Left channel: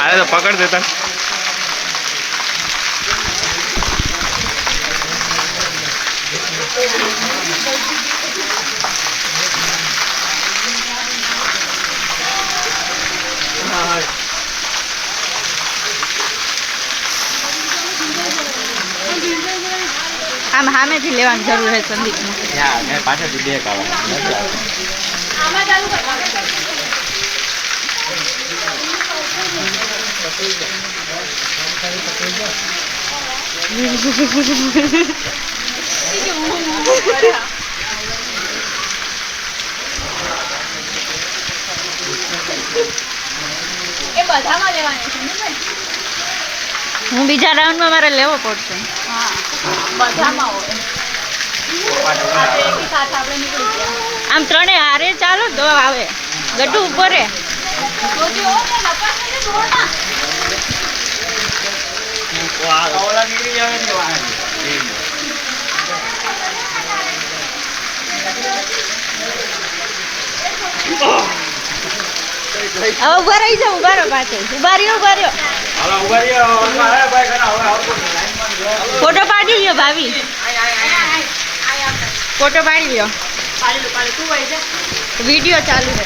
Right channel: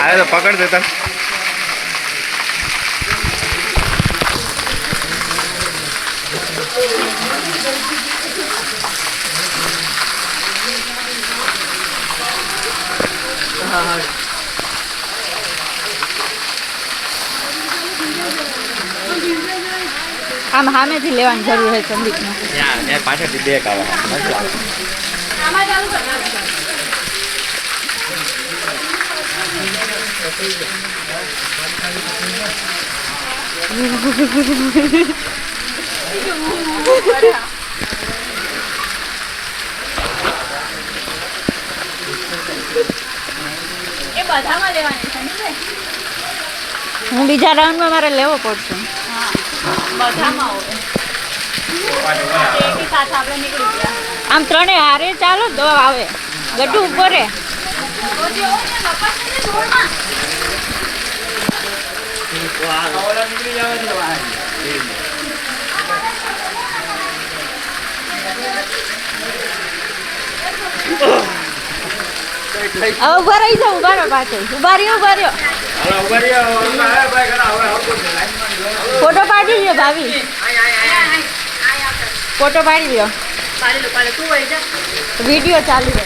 अरे तो पकड़ देता આમ સામેથી લેવાની જરૂર છે સંદીપને. પાછળથી બે કાઢા એ બધામાં લેવાની છે ને. હું બીજા રાઉન્ડમાં મારે લેવો પડશે. હા બધામાં હોય. એક સાથે આપણે નીકળી ગયા. આમ ત્રણે હારે ચાલો તો આવે ગટુ ઉપર રે. તો જો ને લપાસ ને ધોળમાં. નીકળી જાવ હવે ઉભા રહી જાવ. ઉભા રહો પાછળ. ઉભા રહ્યો ઉભા રહ્યો. ફોટો પાડી લ્યો ભાભી. ફોટો પાડી લ્યો. પાડી લો તું વળી જા. વિડીયો ચાલુ છે.